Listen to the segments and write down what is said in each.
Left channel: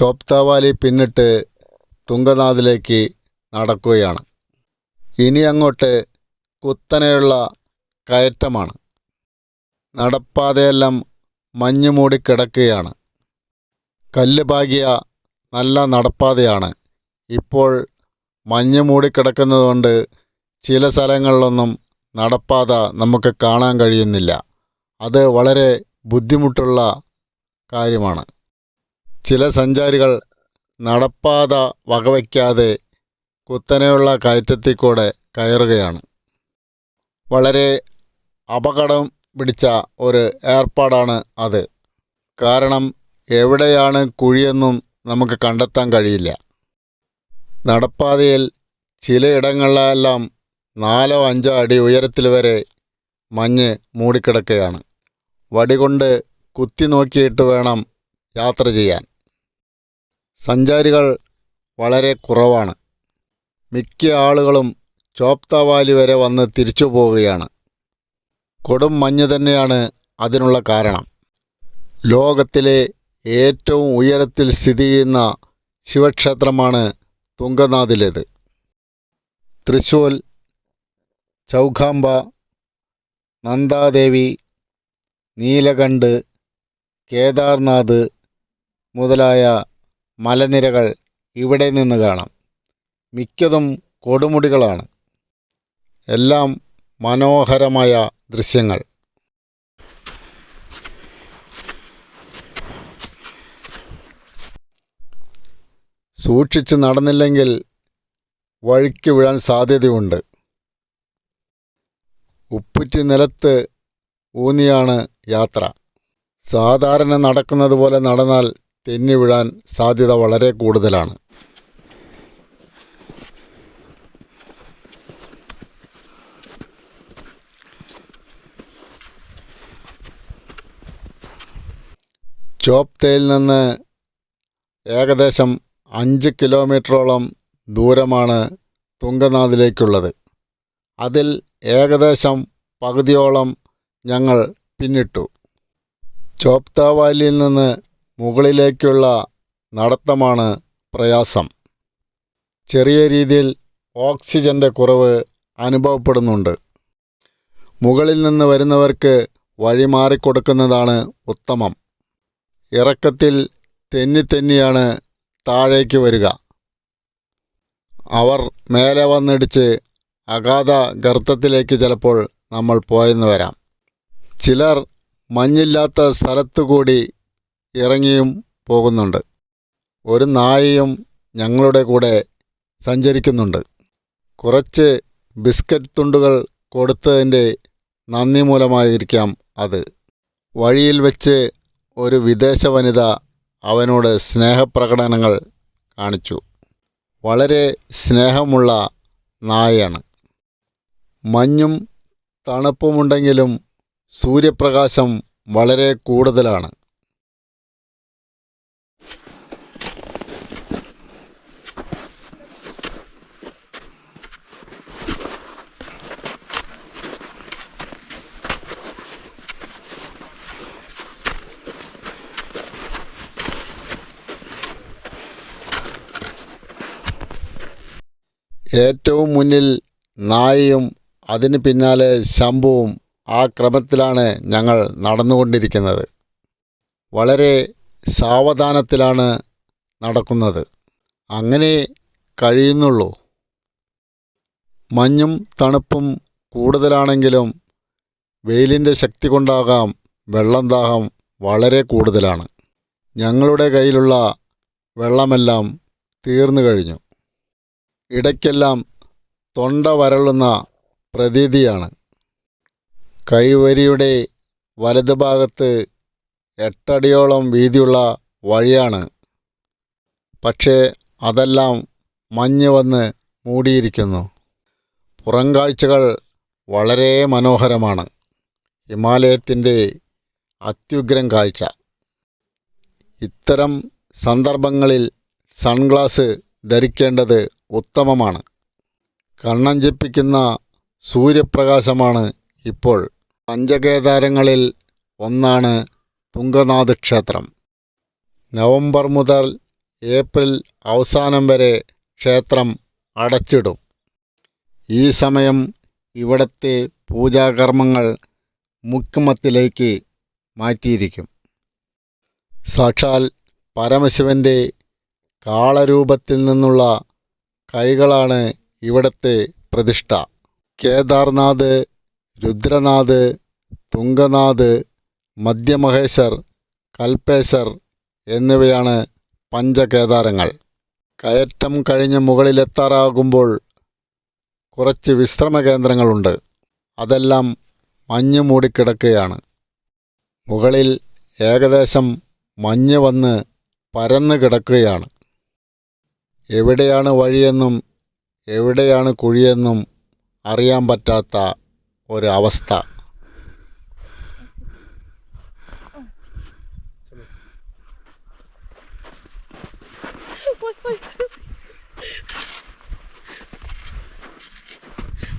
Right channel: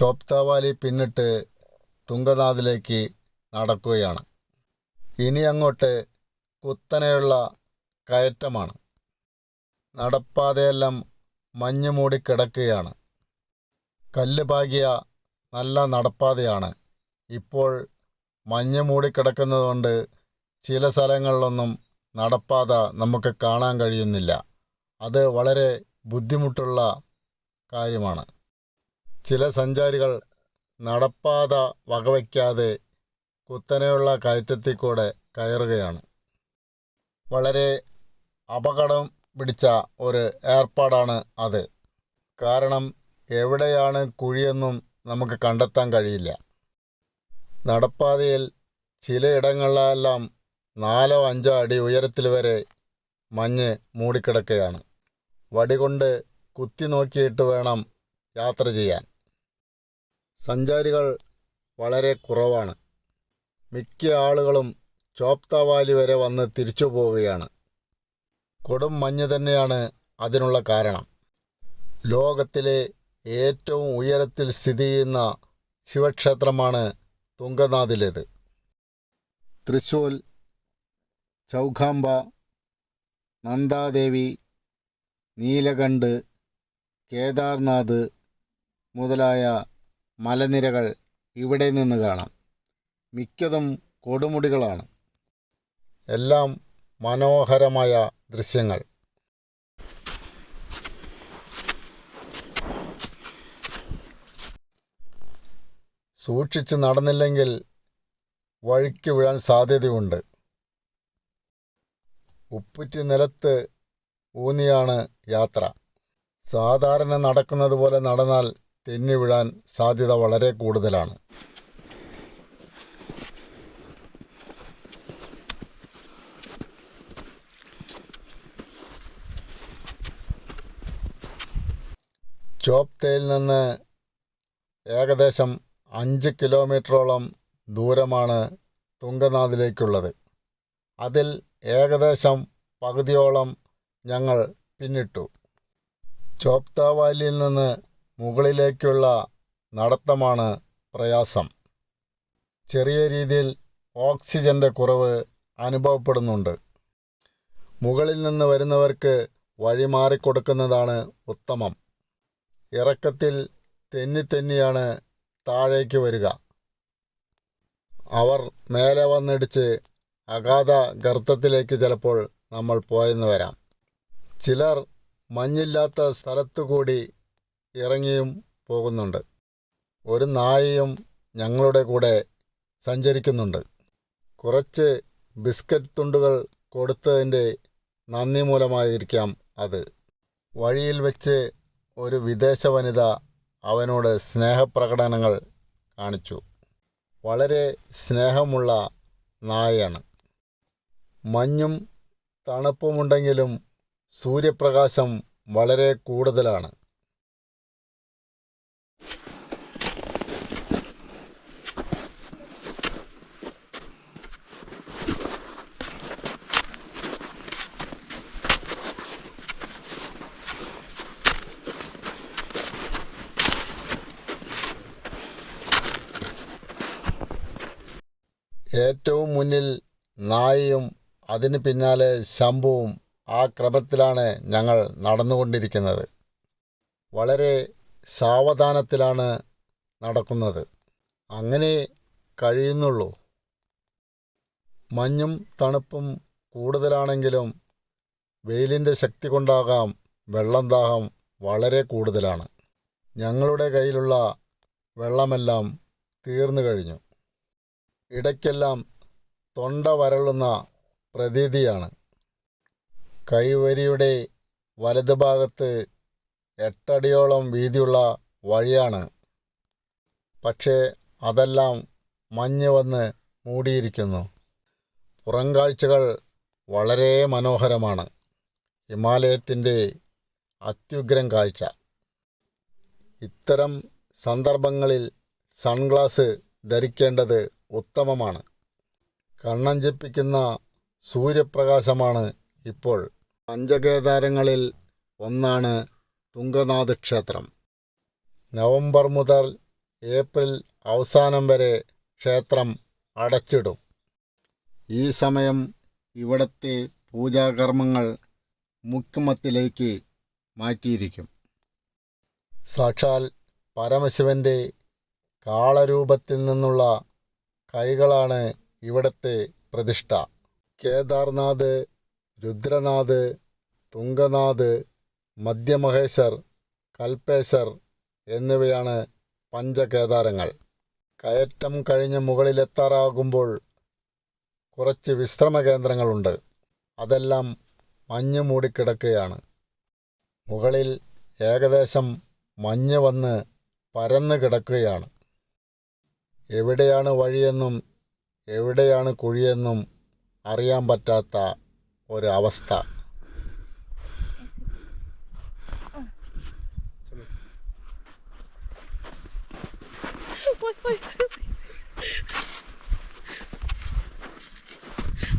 ചോപ്താവാലി പിന്നിട്ട് തുംഗനാഥിലേക്ക് നടക്കുകയാണ്. ഇനി അങ്ങോട്ട് കുത്തനെയുള്ള കയറ്റമാണ്. നടപ്പാതയെല്ലാം മഞ്ഞ് മൂടിക്കിടക്കുകയാണ്. കല്ല് പാകിയ നല്ല നടപ്പാതയാണ്. ഇപ്പോൾ മഞ്ഞ് മൂടിക്കിടക്കുന്നതുകൊണ്ട് ചില സ്ഥലങ്ങളിലൊന്നും നടപ്പാത നമുക്ക് കാണാൻ കഴിയുന്നില്ല. അത് വളരെ ബുദ്ധിമുട്ടുള്ള കാര്യമാണ്. ചില സഞ്ചാരികൾ നടപ്പാത വകവയ്ക്കാതെ കുത്തനെയുള്ള കയറ്റത്തിൽ കൂടെ കയറുകയാണ്. വളരെ അപകടം പിടിച്ച ഒരു ഏർപ്പാടാണ് അത്. കാരണം എവിടെയാണ് കുഴിയെന്നും നമുക്ക് കണ്ടെത്താൻ കഴിയില്ല. നടപ്പാതയിൽ ചിലയിടങ്ങളിലെല്ലാം 4-5 അടി ഉയരത്തിൽ വരെ മഞ്ഞ് മൂടിക്കിടക്കുകയാണ്. വടികൊണ്ട് കുത്തി നോക്കിയിട്ട് വേണം യാത്ര ചെയ്യാൻ. സഞ്ചാരികൾ വളരെ കുറവാണ്. മിക്ക ആളുകളും ചോപ്താവാലി വരെ വന്ന് തിരിച്ചു പോവുകയാണ്. കൊടും മഞ്ഞ് തന്നെയാണ് അതിനുള്ള കാരണം. ലോകത്തിലെ ഏറ്റവും ഉയരത്തിൽ സ്ഥിതി ചെയ്യുന്ന ശിവക്ഷേത്രമാണ് തുംഗനാഥിലേത്. തൃശ്ശൂൽ, ചൗഖാംബ, നന്ദാദേവി, നീലകണ്ഠ്, കേദാർനാഥ് മുതലായ മലനിരകൾ ഇവിടെ നിന്ന് കാണാം. മിക്കതും കൊടുമുടികളാണ്. എല്ലാം മനോഹരമായ ദൃശ്യങ്ങൾ. സൂക്ഷിച്ച് നടന്നില്ലെങ്കിൽ വഴിക്ക് വീഴാൻ സാധ്യതയുണ്ട്. ഉപ്പുറ്റി നിലത്ത് ഊന്നിയാണ് യാത്ര. സാധാരണ നടക്കുന്നത് പോലെ നടന്നാൽ തെന്നി വീഴാൻ സാധ്യത വളരെ കൂടുതലാണ്. ചോപ്തയിൽ നിന്ന് ഏകദേശം 5 കിലോമീറ്ററോളം ദൂരമാണ് തുംഗനാഥിലേക്കുള്ളത്. അതിൽ ഏകദേശം പകുതിയോളം ഞങ്ങൾ പിന്നിട്ടു. ചോപ്താവാലിയിൽ നിന്ന് മുകളിലേക്കുള്ള നടത്തമാണ് പ്രയാസം. ചെറിയ രീതിയിൽ ഓക്സിജൻ്റെ കുറവ് അനുഭവപ്പെടുന്നുണ്ട്. മുകളിൽ നിന്ന് വരുന്നവർക്ക് വഴി മാറിക്കൊടുക്കുന്നതാണ് ഉത്തമം. ഇറക്കത്തിൽ തെന്നിയാണ് താഴേക്ക് വരിക. അവർ മേലെ വന്നിടിച്ച് അഗാധ ഗർത്തത്തിലേക്ക് ചിലപ്പോൾ നമ്മൾ പോയെന്ന് വരാം. ചിലർ മഞ്ഞില്ലാത്ത സ്ഥലത്തുകൂടി ഇറങ്ങിയും പോകുന്നുണ്ട്. ഒരു നായയും ഞങ്ങളുടെ കൂടെ സഞ്ചരിക്കുന്നുണ്ട്. കുറച്ച് ബിസ്ക്കറ്റ് തുണ്ടുകൾ കൊടുത്തതിൻ്റെ നന്ദി മൂലമായിരിക്കാം അത്. വഴിയിൽ വെച്ച് ഒരു വിദേശ വനിത അവനോട് സ്നേഹപ്രകടനങ്ങൾ കാണിച്ചു. വളരെ സ്നേഹമുള്ള നായയാണ്. മഞ്ഞും തണുപ്പുമുണ്ടെങ്കിലും സൂര്യപ്രകാശം വളരെ കൂടുതലാണ്. ഏറ്റവും മുന്നിൽ നായയും അതിന് പിന്നാലെ ശംഭുവും ആ ക്രമത്തിലാണ് ഞങ്ങൾ നടന്നുകൊണ്ടിരിക്കുന്നത്. വളരെ സാവധാനത്തിലാണ് നടക്കുന്നത്. അങ്ങനെ കഴിയുന്നുള്ളൂ. മഞ്ഞും തണുപ്പും കൂടുതലാണെങ്കിലും വെയിലിൻ്റെ ശക്തി കൊണ്ടാകാം വെള്ളം ദാഹം വളരെ കൂടുതലാണ്. ഞങ്ങളുടെ കയ്യിലുള്ള വെള്ളമെല്ലാം തീർന്നു കഴിഞ്ഞു. ഇടയ്ക്കെല്ലാം തൊണ്ട വരളുന്ന പ്രതീതിയാണ്. കൈവരിയുടെ വലതുഭാഗത്ത് 8 അടിയോളം വീതിയുള്ള വഴിയാണ്. പക്ഷേ അതെല്ലാം മഞ്ഞ് വന്ന് മൂടിയിരിക്കുന്നു. പുറംകാഴ്ചകൾ വളരെ മനോഹരമാണ്. ഹിമാലയത്തിൻ്റെ അത്യുഗ്രം കാഴ്ച. ഇത്തരം സന്ദർഭങ്ങളിൽ സൺഗ്ലാസ് ധരിക്കേണ്ടത് ഉത്തമമാണ്. കണ്ണഞ്ചിപ്പിക്കുന്ന സൂര്യപ്രകാശമാണ് ഇപ്പോൾ. പഞ്ചകേദാരങ്ങളിൽ ഒന്നാണ് തുംഗനാഥ് ക്ഷേത്രം. നവംബർ മുതൽ ഏപ്രിൽ അവസാനം വരെ ക്ഷേത്രം അടച്ചിടും. ഈ സമയം ഇവിടത്തെ പൂജാകർമ്മങ്ങൾ മുക്കുമത്തിലേക്ക് മാറ്റിയിരിക്കും. സാക്ഷാൽ പരമശിവൻ്റെ കാളരൂപത്തിൽ നിന്നുള്ള കൈകളാണ് ഇവിടത്തെ പ്രതിഷ്ഠ. കേദാർനാഥ്, രുദ്രനാഥ്, തുംഗനാഥ്, മധ്യമഹേശ്വർ, കൽപേശ്വർ എന്നിവയാണ് പഞ്ചകേദാരങ്ങൾ. കയറ്റം കഴിഞ്ഞ് മുകളിലെത്താറാകുമ്പോൾ കുറച്ച് വിശ്രമ കേന്ദ്രങ്ങളുണ്ട്. അതെല്ലാം മഞ്ഞ് മൂടിക്കിടക്കുകയാണ്. മുകളിൽ ഏകദേശം മഞ്ഞ് വന്ന് പരന്നു കിടക്കുകയാണ്. എവിടെയാണ് വഴിയെന്നും എവിടെയാണ് കുഴിയെന്നും അറിയാൻ പറ്റാത്ത ഒരു അവസ്ഥ.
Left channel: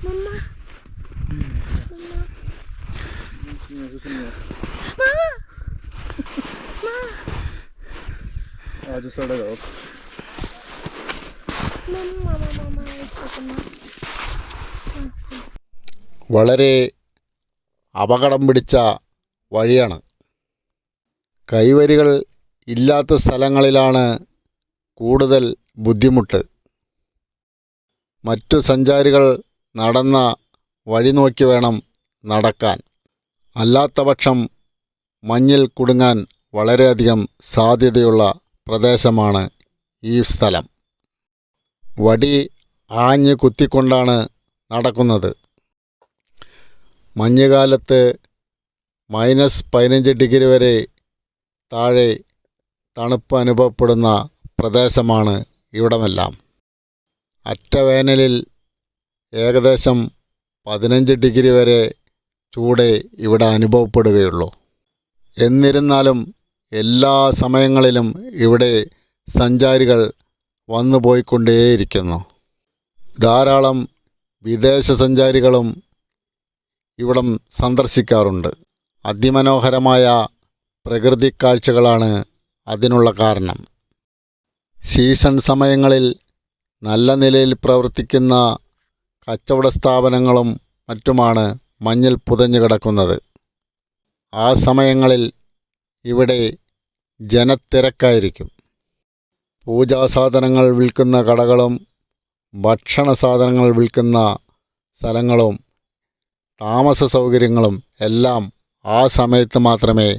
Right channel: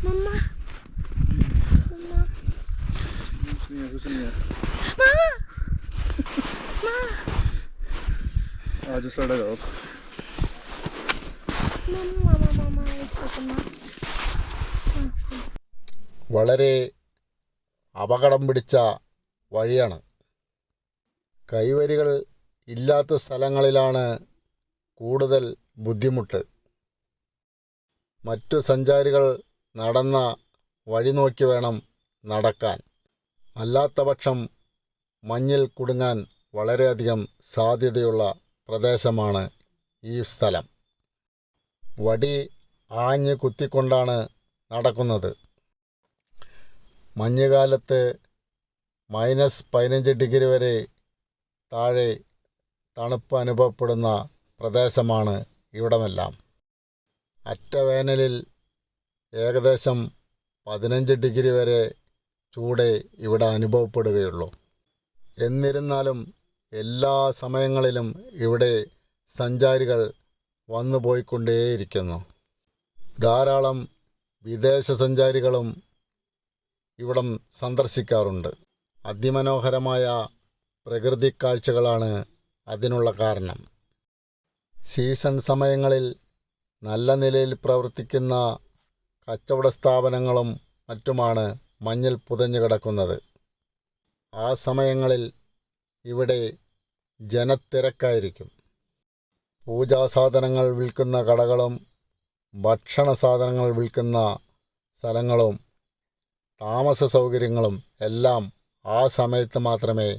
Mamma. Ja, du står där upp. Mamma, വളരെ അപകടം പിടിച്ച വഴിയാണ്. കൈവരികൾ ഇല്ലാത്ത സ്ഥലങ്ങളിലാണ് കൂടുതൽ ബുദ്ധിമുട്ട്. മറ്റു സഞ്ചാരികൾ നടന്ന വഴി നോക്കി വേണം നടക്കാൻ. അല്ലാത്തപക്ഷം മഞ്ഞിൽ കുടുങ്ങാൻ വളരെയധികം സാധ്യതയുള്ള പ്രദേശമാണ് ഈ സ്ഥലം. വടി ആഞ്ഞ് കുത്തിക്കൊണ്ടാണ് നടക്കുന്നത്. മഞ്ഞുകാലത്ത് -15 ഡിഗ്രി വരെ താഴെ തണുപ്പ് അനുഭവപ്പെടുന്ന പ്രദേശമാണ് ഇവിടമെല്ലാം. അറ്റ വേനലിൽ ഏകദേശം 15 ഡിഗ്രി വരെ ചൂട് ഇവിടെ അനുഭവപ്പെടുകയുള്ളൂ. എന്നിരുന്നാലും എല്ലാ സമയങ്ങളിലും ഇവിടെ സഞ്ചാരികൾ വന്നു പോയിക്കൊണ്ടേയിരിക്കുന്നു. ധാരാളം വിദേശ സഞ്ചാരികളും ഇവിടം സന്ദർശിക്കാറുണ്ട്. അതിമനോഹരമായ പ്രകൃതി കാഴ്ചകളാണ് അതിനുള്ള കാരണം. സീസൺ സമയങ്ങളിൽ നല്ല നിലയിൽ പ്രവർത്തിക്കുന്ന കച്ചവട സ്ഥാപനങ്ങളും മറ്റുമാണ് മഞ്ഞിൽ പുതഞ്ഞു കിടക്കുന്നത്. ആ സമയങ്ങളിൽ ഇവിടെ ജനത്തിരക്കായിരിക്കും. പൂജാസാധനങ്ങൾ വിൽക്കുന്ന കടകളും ഭക്ഷണ സാധനങ്ങൾ വിൽക്കുന്ന സ്ഥലങ്ങളും താമസ സൗകര്യങ്ങളും എല്ലാം ആ സമയത്ത് മാത്രമേ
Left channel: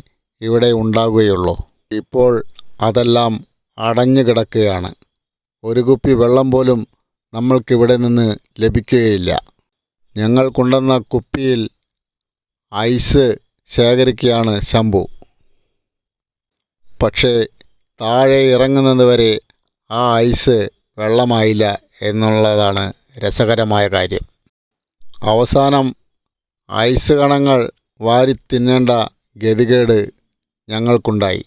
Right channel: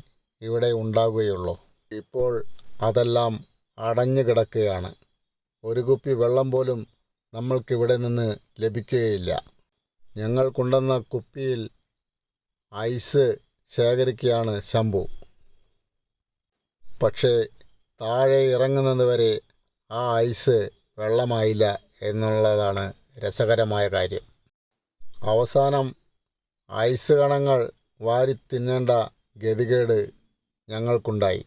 ഇവിടെ ഉണ്ടാകുകയുള്ളൂ. ഇപ്പോൾ അതെല്ലാം അടഞ്ഞു കിടക്കുകയാണ്. ഒരു കുപ്പി വെള്ളം പോലും നമ്മൾക്കിവിടെ നിന്ന് ലഭിക്കുകയില്ല. ഞങ്ങൾ കൊണ്ടുവന്ന കുപ്പിയിൽ ഐസ് ശേഖരിക്കുകയാണ് ശംഭു. പക്ഷേ താഴെ ഇറങ്ങുന്നത് വരെ ആ ഐസ് വെള്ളമായില്ല എന്നുള്ളതാണ് രസകരമായ കാര്യം. അവസാനം ഐസ് കണങ്ങൾ വാരി തിന്നേണ്ട ഗതികേട് ഞങ്ങൾക്കുണ്ടായി.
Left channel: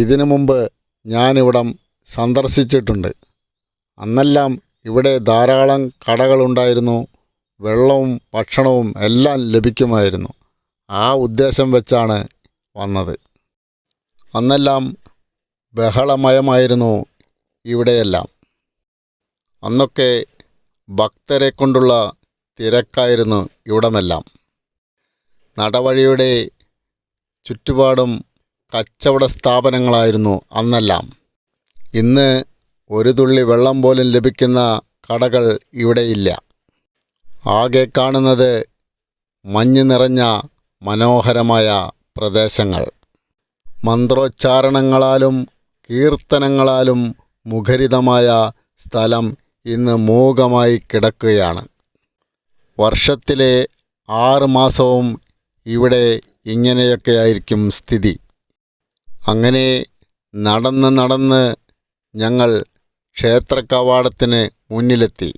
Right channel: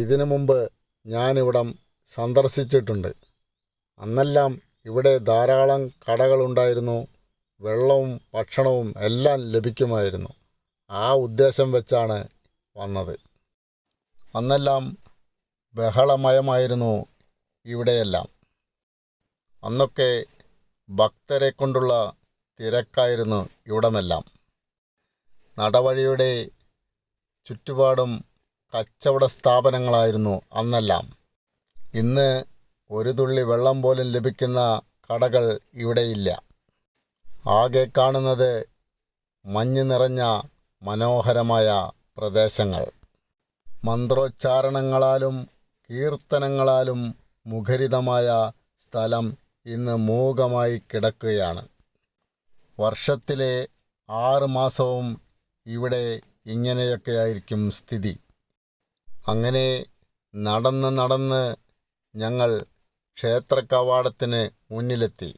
ഇതിനു മുമ്പ് ഞാനിവിടം സന്ദർശിച്ചിട്ടുണ്ട്. അന്നെല്ലാം ഇവിടെ ധാരാളം കടകളുണ്ടായിരുന്നു. വെള്ളവും ഭക്ഷണവും എല്ലാം ലഭിക്കുമായിരുന്നു. ആ ഉദ്ദേശം വെച്ചാണ് വന്നത്. അന്നെല്ലാം ബഹളമയമായിരുന്നു ഇവിടെയെല്ലാം. അന്നൊക്കെ ഭക്തരെ കൊണ്ടുള്ള തിരക്കായിരുന്നു ഇവിടമെല്ലാം. നടവഴിയുടെ ചുറ്റുപാടും കച്ചവട സ്ഥാപനങ്ങളായിരുന്നു അന്നെല്ലാം. ഇന്ന് ഒരു തുള്ളി വെള്ളം പോലും ലഭിക്കുന്ന കടകൾ ഇവിടെയില്ല. ആകെ കാണുന്നത് മഞ്ഞ് നിറഞ്ഞ മനോഹരമായ പ്രദേശങ്ങൾ. മന്ത്രോച്ചാരണങ്ങളാലും കീർത്തനങ്ങളാലും മുഖരിതമായ സ്ഥലം ഇന്ന് മൂകമായി കിടക്കുകയാണ്. വർഷത്തിലെ 6 മാസവും ഇവിടെ ഇങ്ങനെയൊക്കെയായിരിക്കും സ്ഥിതി. അങ്ങനെ നടന്ന് ഞങ്ങൾ ക്ഷേത്രകവാടത്തിന് മുന്നിലെത്തി.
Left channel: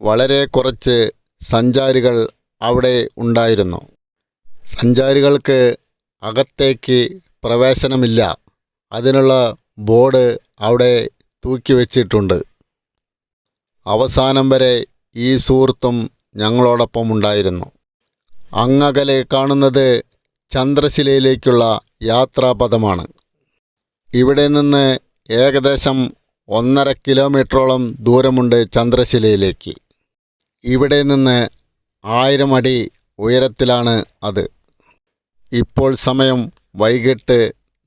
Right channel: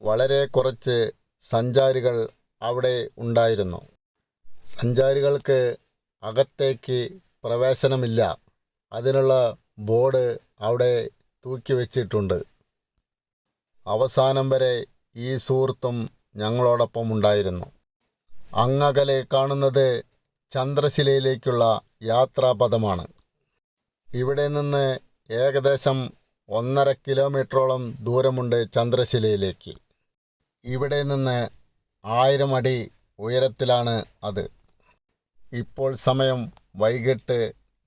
വളരെ കുറച്ച് സഞ്ചാരികൾ അവിടെ ഉണ്ടായിരുന്നു. സഞ്ചാരികൾക്ക് അകത്തേക്ക് പ്രവേശനമില്ല. അതിനുള്ള ബോർഡ് അവിടെ തൂക്കി വച്ചിട്ടുണ്ട്. അവസാനം വരെ ഈ സുഹൃത്തും ഞങ്ങളോടൊപ്പം ഉണ്ടായിരുന്നു. അങ്ങകലെ കാണുന്നത് ചന്ദ്രശിലയിലേക്കുള്ള യാത്രാപഥമാണ്. ഇവിടെ നിന്ന് ഏകദേശം 1.5 കിലോമീറ്ററോളം ദൂരമുണ്ട് ചന്ദ്രശിലയിലേക്ക്. ഇവിടെ നിന്ന് 1000 അടി ഉയരത്തിലാണ് അത്. ഇപ്പോൾ സമയം വൈകിട്ട്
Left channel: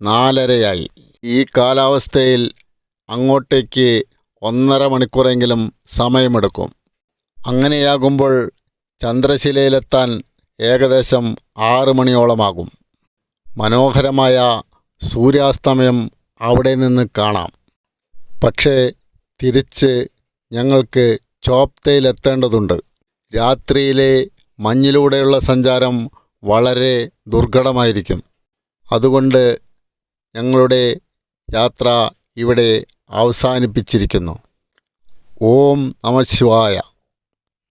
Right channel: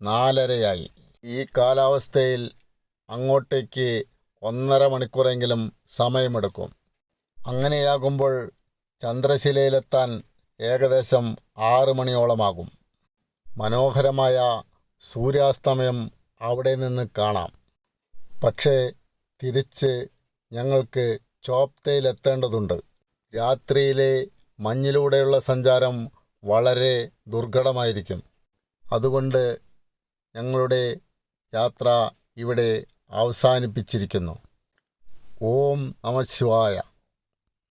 4:30 ഈ കാലാവസ്ഥയിൽ അങ്ങോട്ടേക്ക് 1.5 മണിക്കൂറെങ്കിലും സമയമെടുക്കും. അങ്ങനെയാകുമ്പോൾ ചന്ദ്രശിലയിലെത്താൻ ഏകദേശം 6 മണിയോളമാകും. മനോഹരമായ സൂര്യാസ്തമയം അവിടെ നിന്ന് കാണാം. പക്ഷേ തിരിച്ച് ഞങ്ങൾക്ക് ചോപ്തയിലെത്തേണ്ടതുണ്ട്. രാത്രിയിലെ മഞ്ഞിലൂടെയുള്ള സഞ്ചാരം വളരെ ദുർഘടമായിരിക്കും. അതുകൊണ്ട് ഞങ്ങളുടെ യാത്ര ഇവിടെ അവസാനിപ്പിച്ചിരിക്കുന്നു. ഓം നമഃ ശിവായ.